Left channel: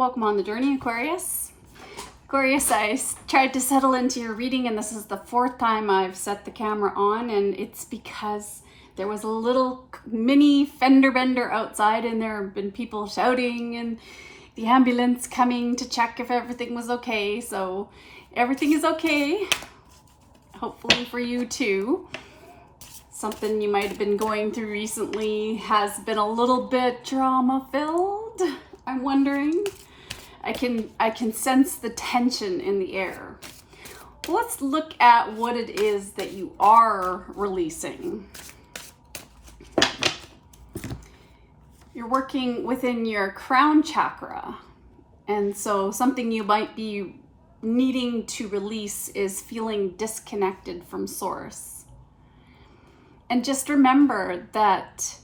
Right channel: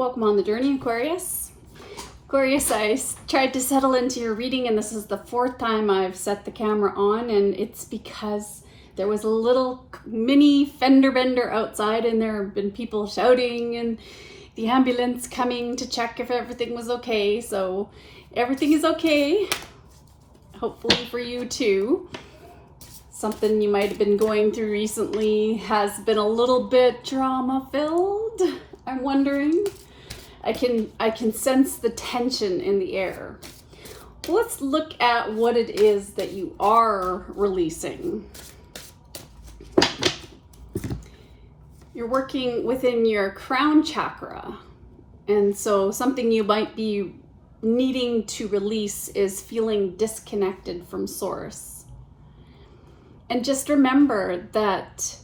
Welcome on the journey, Aquarius. Aquarius, I tried to settle into your reading, and this is the fourth time I've set the camera on, and it's because there was a little mini fender bender outside, and there have been people shouting and the ambulance coming to check if everything was okay. So everything is okay, hopefully for you too. Something you might have been going through recently has been a little bit drama filled. I'm wondering. I can sense the tension in the air. Let's look at what it is that you are releasing. You're working within your crown chakra. And so something you might be needing to release is feeling disconnected from source. And just remember that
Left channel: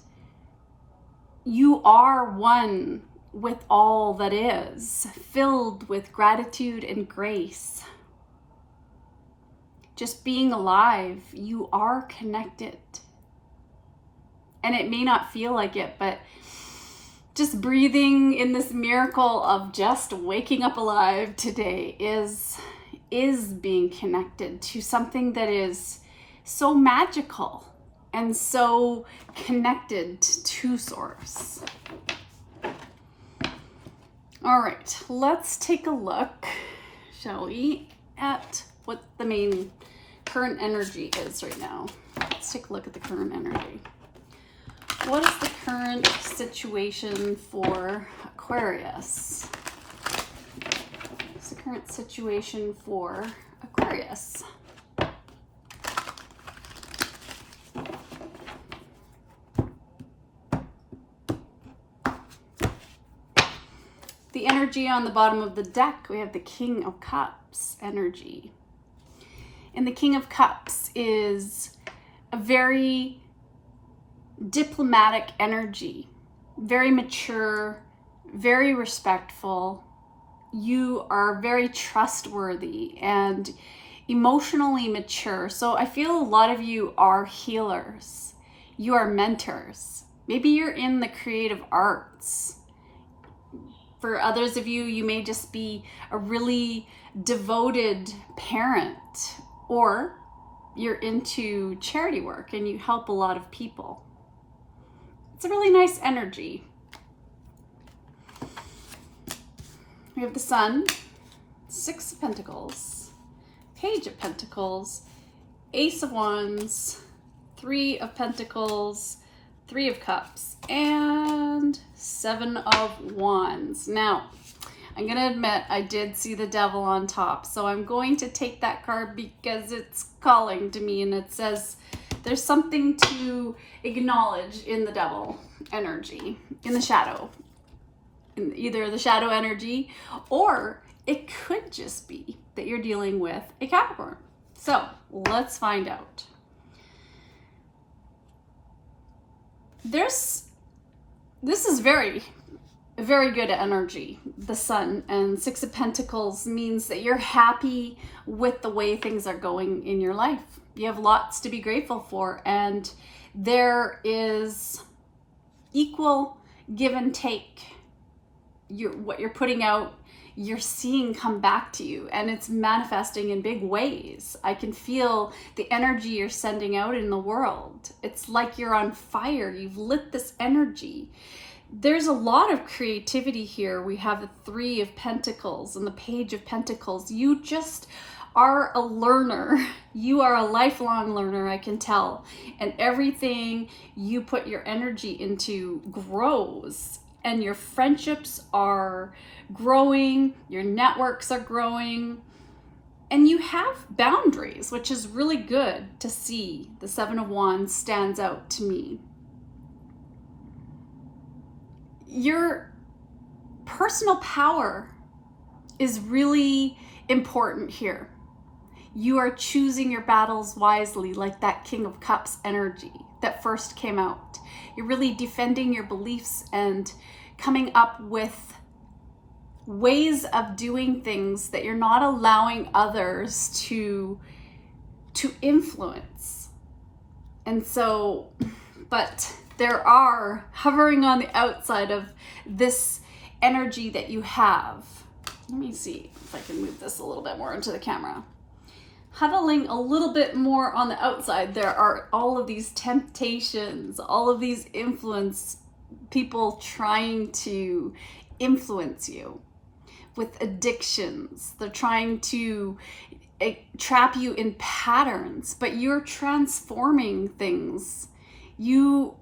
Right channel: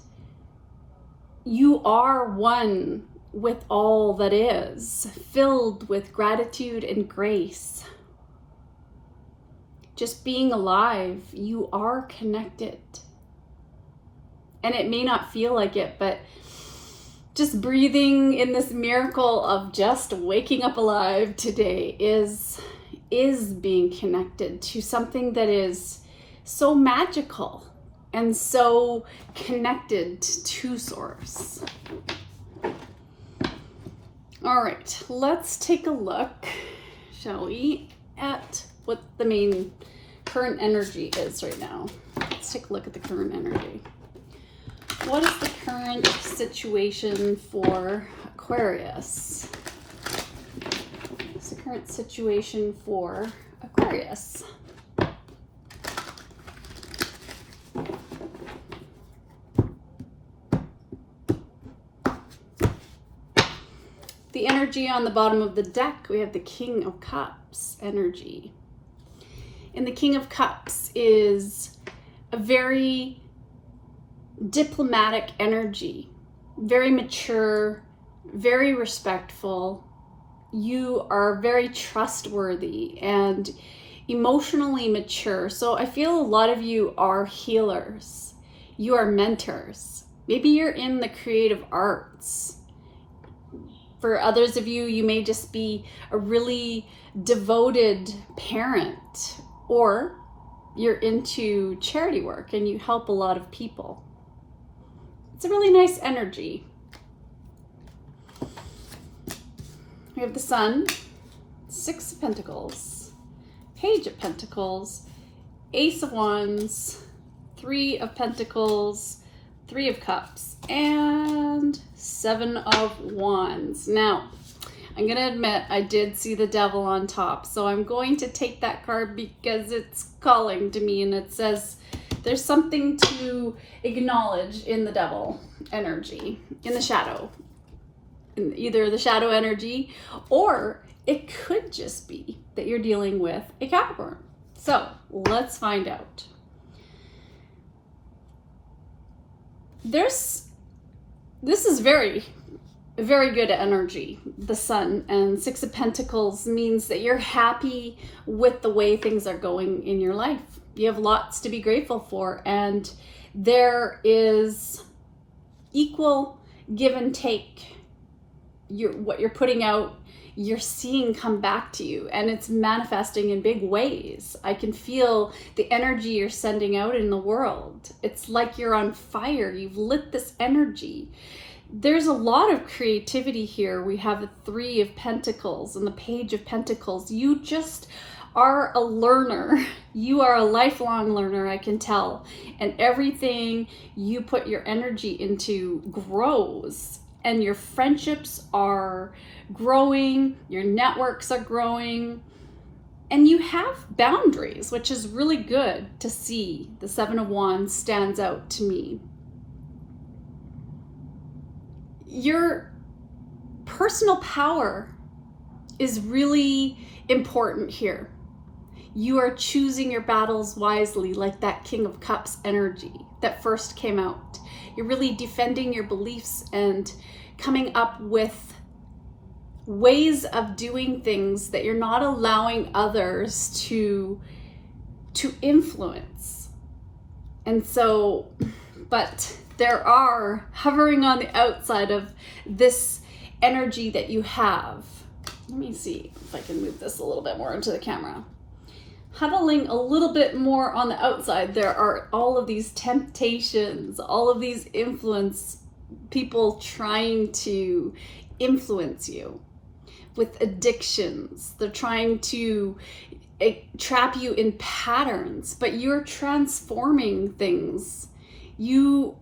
you are one with all that is, filled with gratitude and grace. Just being alive, you are connected. And it may not feel like it, but just breathing in this miracle of just waking up alive today is being connected to something that is so magical and so connected to source. All right, let's take a look, shall we, at what the main current energy is right now. Let's take a look at the current energy. What is the current situation for Aquarius? What's the current situation for Aquarius? The energy on the bottom of the deck, we have the King of Cups energy. And the King of Cups is a very diplomatic energy, very mature, very respectful. You are very trustworthy and emotionally mature. So I feel a lot of you are healers. You are mentors. Maybe you're in the creative arts. For others of you, you may just be a really devoted parent, or you're into charity work and you help a lot of people. It's a really nice energy. We have the Sun, Six of Pentacles, Page of Pentacles, Ace of Wands, Three of Pentacles, Three of Cups, and Seven of Wands. Now, I'm going to admit I did see the Devil on top, so I'm going to take that card because it's calling to me, and it says there's something to acknowledge in the Devil energy, in the shadow, in either the shadow energy, or it could just be that you're dealing with a Capricorn. So let's find out. This is very good energy, the Sun, and Six of Pentacles means that you're happy with the way things are going in your life. You have lots to be grateful for, and there is equal give and take. What you're putting out, you're seeing come back to you, and it's manifesting in big ways. I can feel the energy you're sending out in the world. It's like you're on fire. You've lit this energy. There's a lot of creativity here. We have the Three of Pentacles and the Page of Pentacles. You just are a learner. You are a lifelong learner, I can tell. And everything you put your energy into grows. And your friendships are growing, your networks are growing, and you have boundaries, which is really good to see. The Seven of Wands stands out to me. Your personal power is really important here. You are choosing your battles wisely, like that King of Cups energy that first came out. You're really defending your beliefs and coming up with ways of doing things that you're not allowing others to influence. And so, but there are hovering on the outside of this energy that you have. Let me see if I can move this a little bit more into the camera. Huddling a little bit more on the outside, there are all of these temptations, all of these influence, people trying to influence you with addictions. They're trying to trap you in patterns, but you're transforming things. You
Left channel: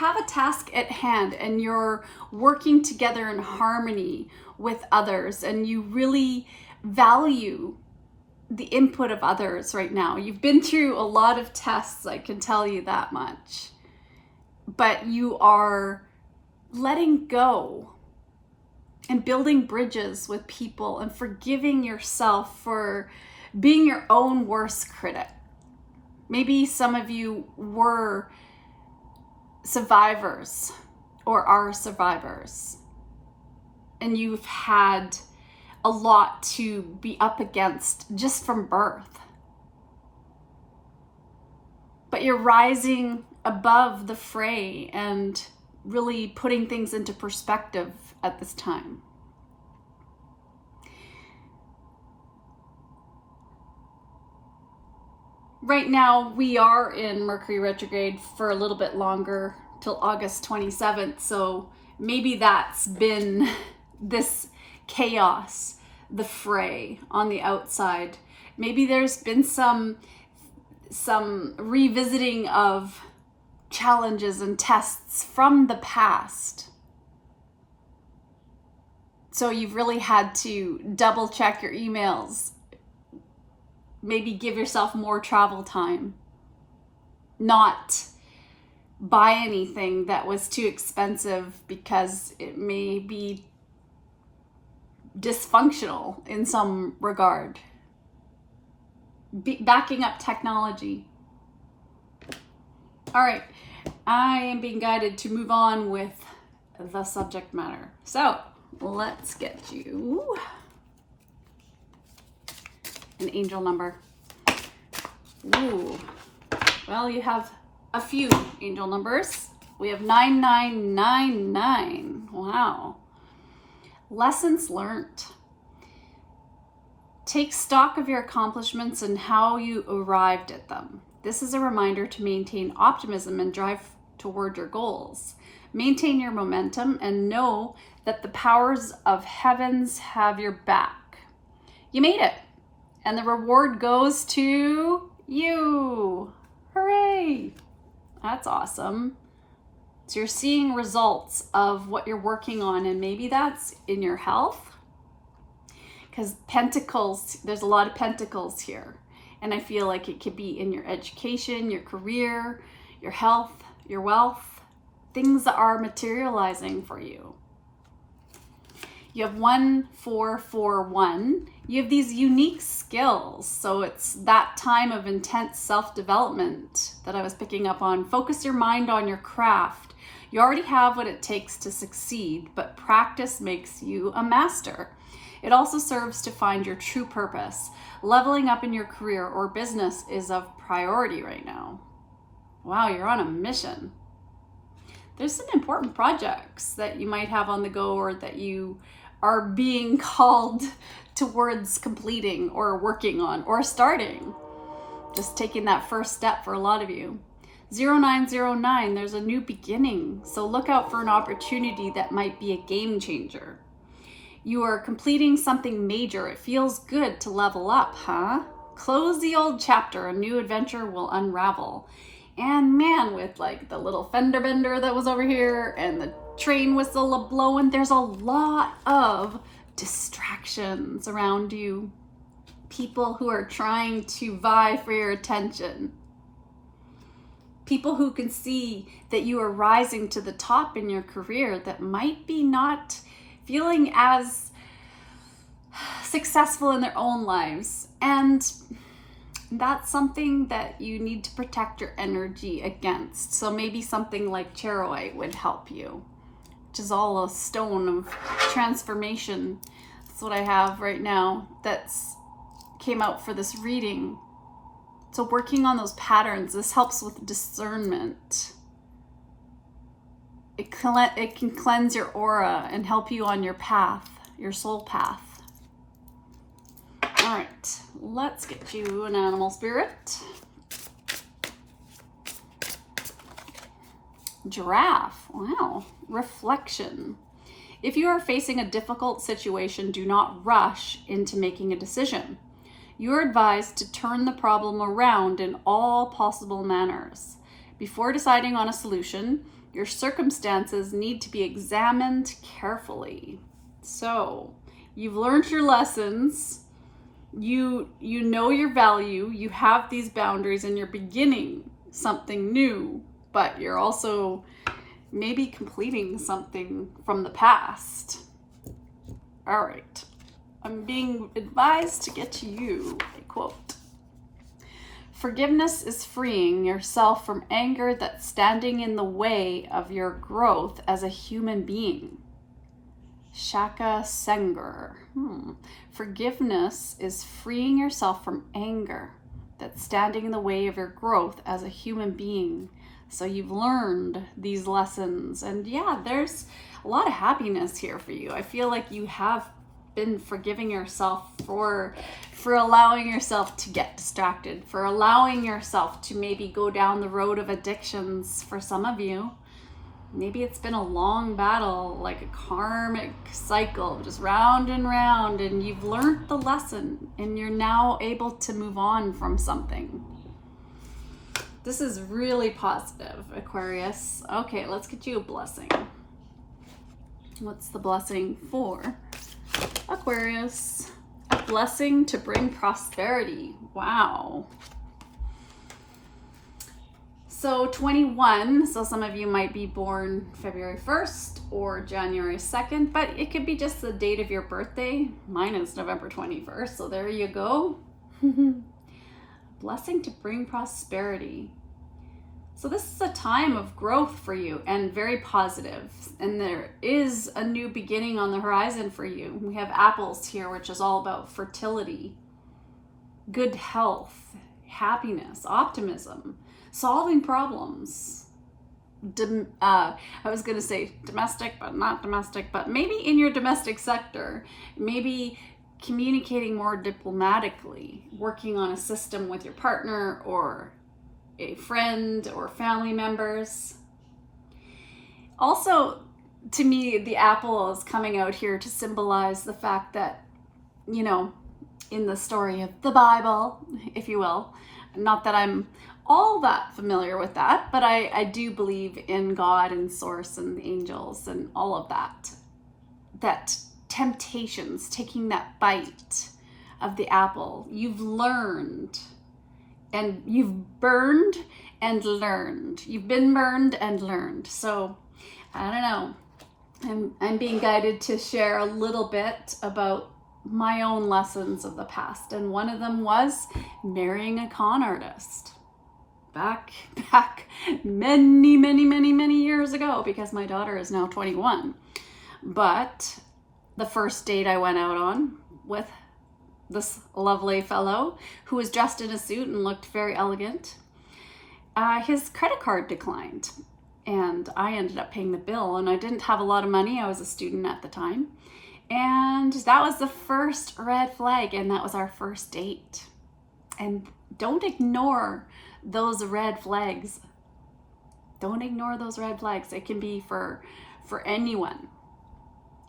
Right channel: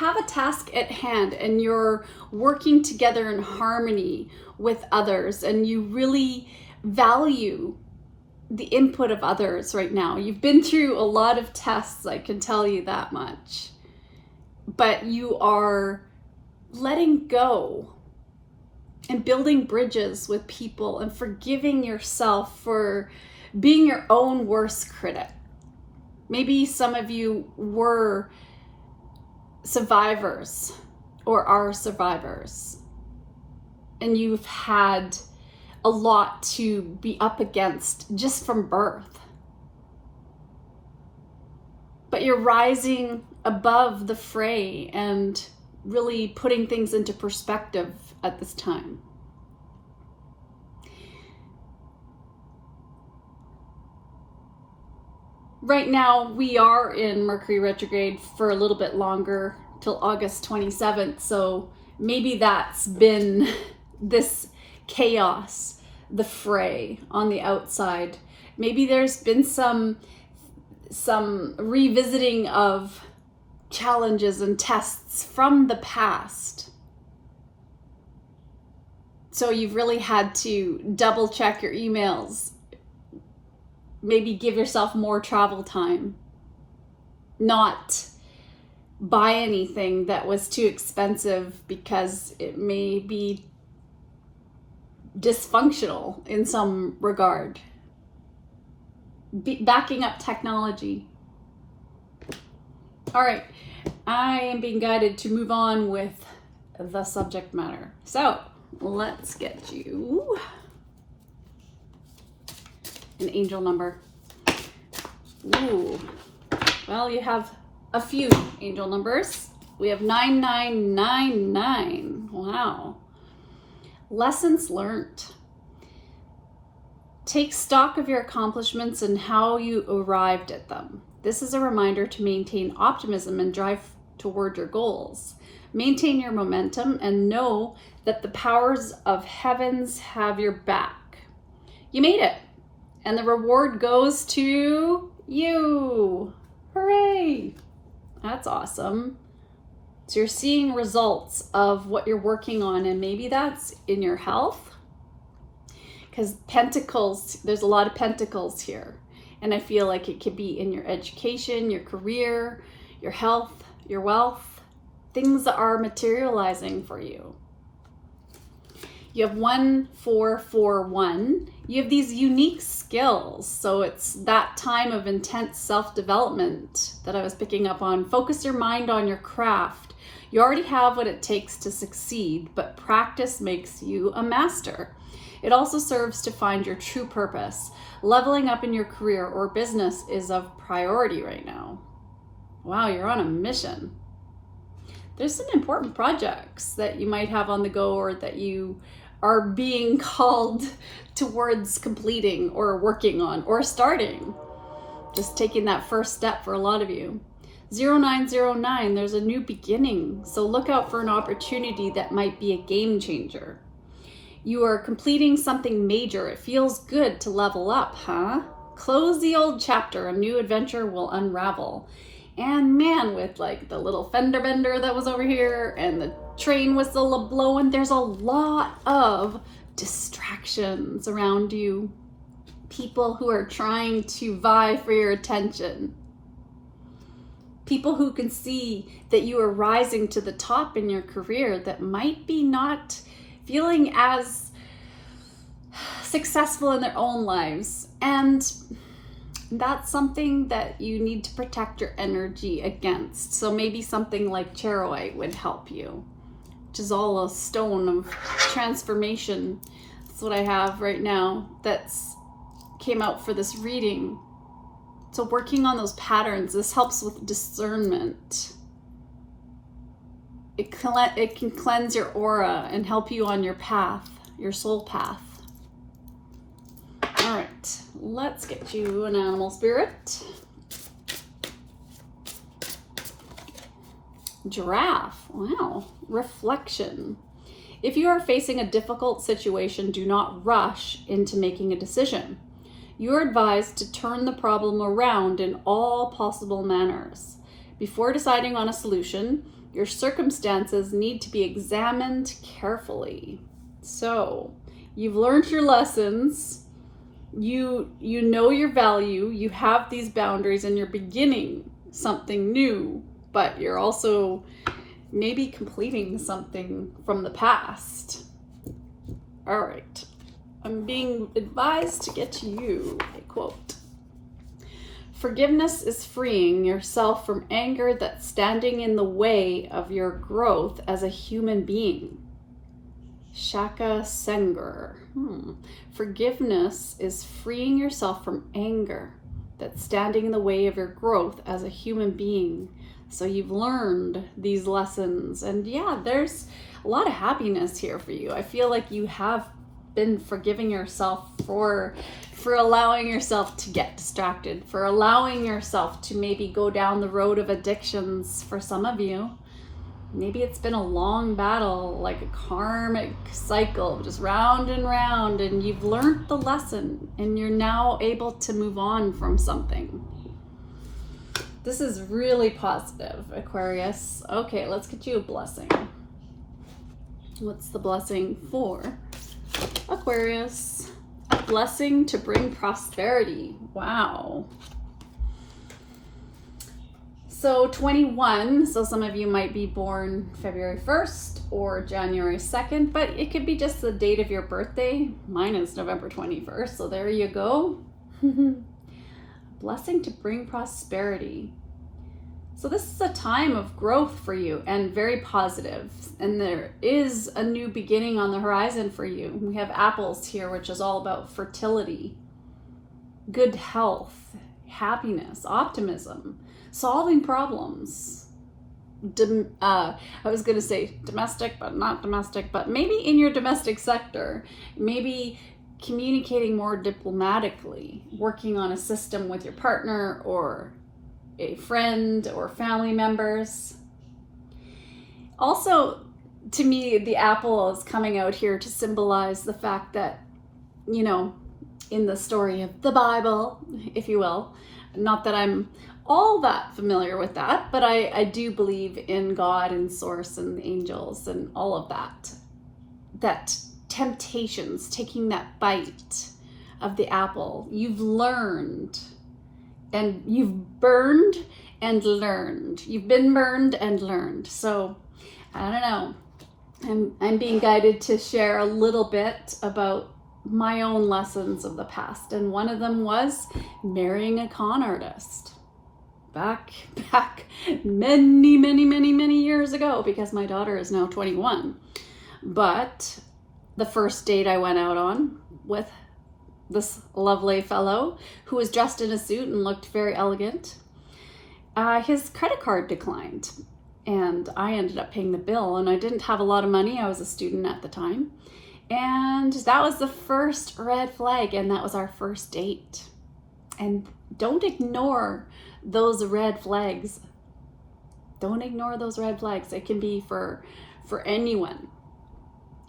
have a task at hand, and you're working together in harmony with others, and you really value the input of others right now. You've been through a lot of tests, I can tell you that much. But you are letting go and building bridges with people and forgiving yourself for being your own worst critic. Maybe some of you were survivors or are survivors, and you've had a lot to be up against just from birth. But you're rising above the fray and really putting things into perspective at this time. Right now, we are in Mercury retrograde for a little bit longer, till August 27th. So maybe that's been this chaos, the fray on the outside. Maybe there's been some revisiting of challenges and tests from the past. So you've really had to double check your emails, maybe give yourself more travel time, not buy anything that was too expensive because it may be dysfunctional in some regard. Backing up technology. All right, I am being guided to move on with the subject matter. So let's get you an angel number. Ooh, well, you have a few angel numbers. We have 9999. Wow. Lessons learned. Take stock of your accomplishments and how you arrived at them. This is a reminder to maintain optimism and drive toward your goals. Maintain your momentum and know that the powers of heavens have your back. You made it, and the reward goes to you. Hooray! That's awesome. So you're seeing results of what you're working on, and maybe that's in your health, because pentacles, there's a lot of pentacles here, and I feel like it could be in your education, your career, your health, your wealth. Things are materializing for you. You have 1441. You have these unique skills. So it's that time of intense self-development that I was picking up on. Focus your mind on your craft. You already have what it takes to succeed, but practice makes you a master. It also serves to find your true purpose. Leveling up in your career or business is of priority right now. Wow, you're on a mission. There's some important projects that you might have on the go, or that you are being called towards completing or working on or starting. Just taking that first step for a lot of you. 0909, there's a new beginning. So look out for an opportunity that might be a game changer. You are completing something major. It feels good to level up, huh? Close the old chapter. A new adventure will unravel. And man, with like the little fender bender that was over here and the train whistle blowing, there's a lot of distractions around you. People who are trying to vie for your attention. People who can see that you are rising to the top in your career that might be not feeling as successful in their own lives. And that's something that you need to protect your energy against. So maybe something like charoite would help you, which is all a stone of transformation. That's what I have right now that's came out for this reading. So working on those patterns, this helps with discernment. it can cleanse your aura and help you on your path, your soul path. All right, let's get you an animal spirit. Giraffe. Wow. Reflection. If you are facing a difficult situation, do not rush into making a decision. You are advised to turn the problem around in all possible manners. Before deciding on a solution, your circumstances need to be examined carefully. So, you've learned your lessons. You know your value. You have these boundaries and you're beginning something new, but you're also maybe completing something from the past. All right. I'm being advised to get to you a quote. Forgiveness is freeing yourself from anger that's standing in the way of your growth as a human being. Shaka Sengar. Forgiveness is freeing yourself from anger that's standing in the way of your growth as a human being. So you've learned these lessons, and yeah, there's a lot of happiness here for you. I feel like you have been forgiving yourself for allowing yourself to get distracted, for allowing yourself to maybe go down the road of addictions. For some of you, maybe it's been a long battle, like a karmic cycle, just round and round, and you've learned the lesson and you're now able to move on from something. This is really positive, Aquarius. Okay, let's get you a blessing. What's the blessing for Aquarius? A blessing to bring prosperity. Wow. So 21, so some of you might be born February 1st or January 2nd, but it could be just the date of your birthday. Mine is November 21st, so there you go. Blessing to bring prosperity. So this is a time of growth for you and very positive. And there is a new beginning on the horizon for you. We have apples here, which is all about fertility, good health, happiness, optimism, solving problems. I was going to say domestic, but not domestic, but maybe in your domestic sector, maybe communicating more diplomatically, working on a system with your partner or a friend or family members. Also, to me, the apple is coming out here to symbolize the fact that, you know, in the story of the Bible, if you will, not that I'm all that familiar with that, but I do believe in God and source and angels and all of that. That temptations, taking that bite of the apple, you've learned and you've burned and learned. You've been burned and learned. So I don't know. I'm being guided to share a little bit about my own lessons of the past. And one of them was marrying a con artist. Back many years ago, because my daughter is now 21. But the first date I went out on with this lovely fellow who was dressed in a suit and looked very elegant, his credit card declined and I ended up paying the bill, and I didn't have a lot of money. I was a student at the time, and that was the first red flag, and that was our first date. And don't ignore those red flags. Don't ignore those red flags. It can be for anyone.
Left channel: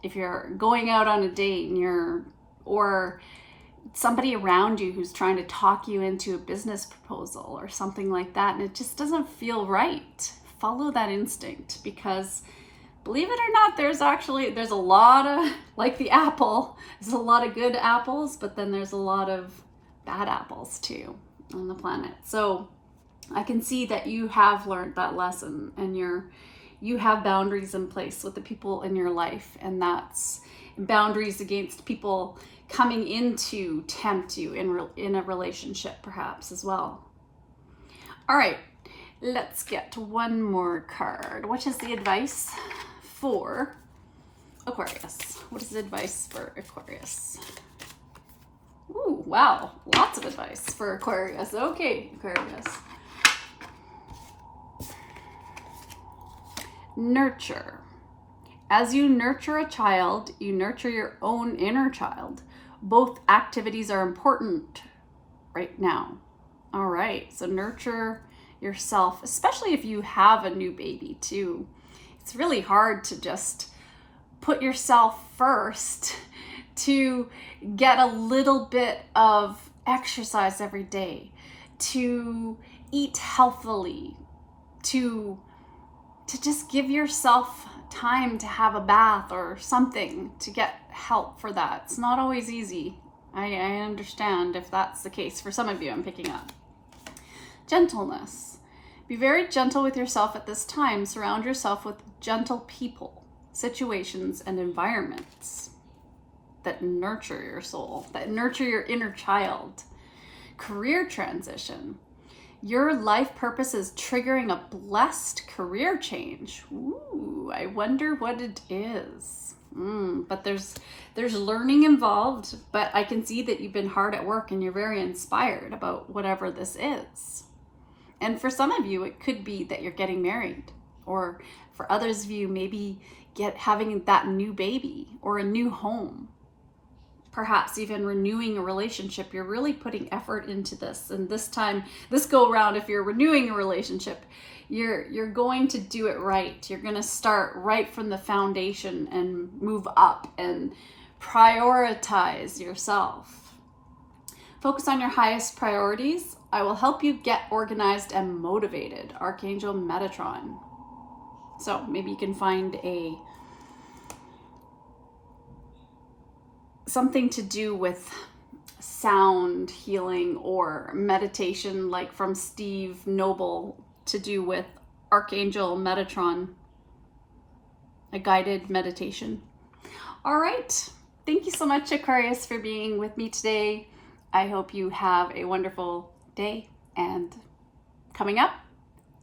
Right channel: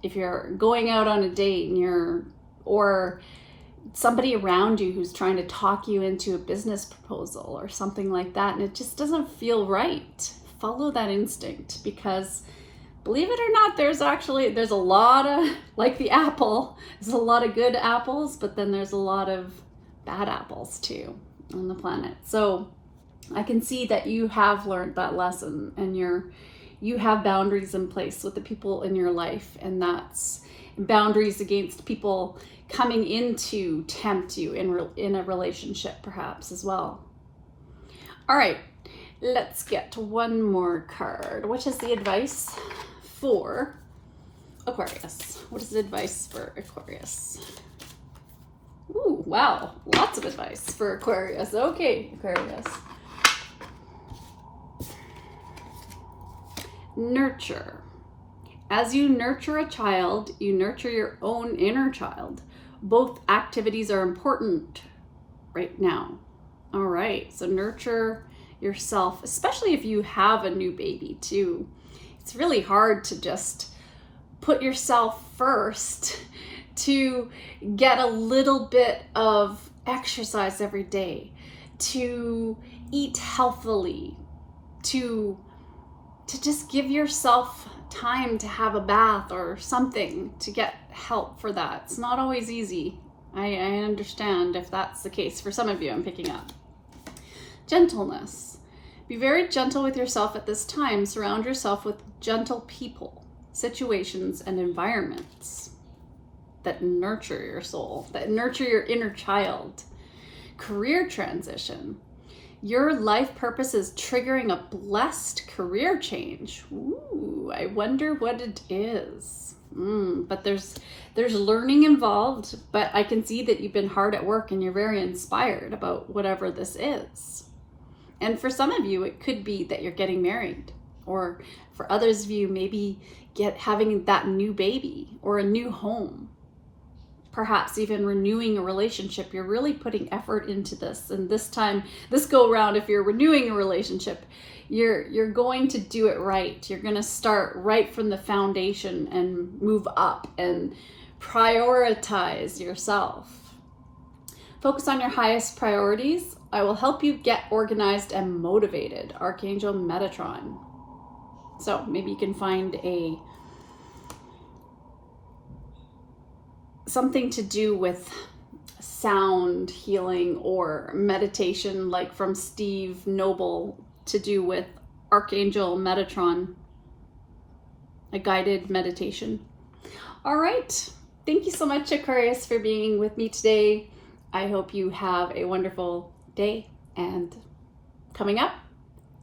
If you're going out on a date and or somebody around you who's trying to talk you into a business proposal or something like that, and it just doesn't feel right, follow that instinct, because believe it or not, there's a lot of, like the apple, there's a lot of good apples, but then there's a lot of bad apples too on the planet. So I can see that you have learned that lesson, and you have boundaries in place with the people in your life, and that's boundaries against people coming in to tempt you in a relationship perhaps as well. All right, let's get one more card. What is the advice for Aquarius? What is the advice for Aquarius? Ooh, wow, lots of advice for Aquarius. Okay, Aquarius. nurture. As you nurture a child, you nurture your own inner child. Both activities are important right now. All right, so nurture yourself, especially if you have a new baby too. It's really hard to just put yourself first to get a little bit of exercise every day, to eat healthily, to just give yourself time to have a bath or something, to get help for that. It's not always easy. I understand if that's the case for some of you. I'm picking up. Gentleness. Be very gentle with yourself at this time. Surround yourself with gentle people, situations, and environments that nurture your soul, that nurture your inner child. Career transition. Your life purpose is triggering a blessed career change. Ooh, I wonder what it is. But there's learning involved, but I can see that you've been hard at work and you're very inspired about whatever this is. And for some of you, it could be that you're getting married, or for others of you, maybe having that new baby or a new home. Perhaps even renewing a relationship. You're really putting effort into this. And this time, this go around, if you're renewing a relationship, you're going to do it right. You're going to start right from the foundation and move up and prioritize yourself. Focus on your highest priorities. I will help you get organized and motivated. Archangel Metatron. So maybe you can find something to do with sound healing or meditation, like from Steve Noble, to do with Archangel Metatron, a guided meditation. All right. Thank you so much, Aquarius, for being with me today. I hope you have a wonderful day and coming up.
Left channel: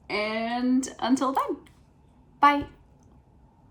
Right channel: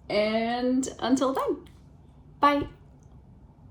And until then, bye.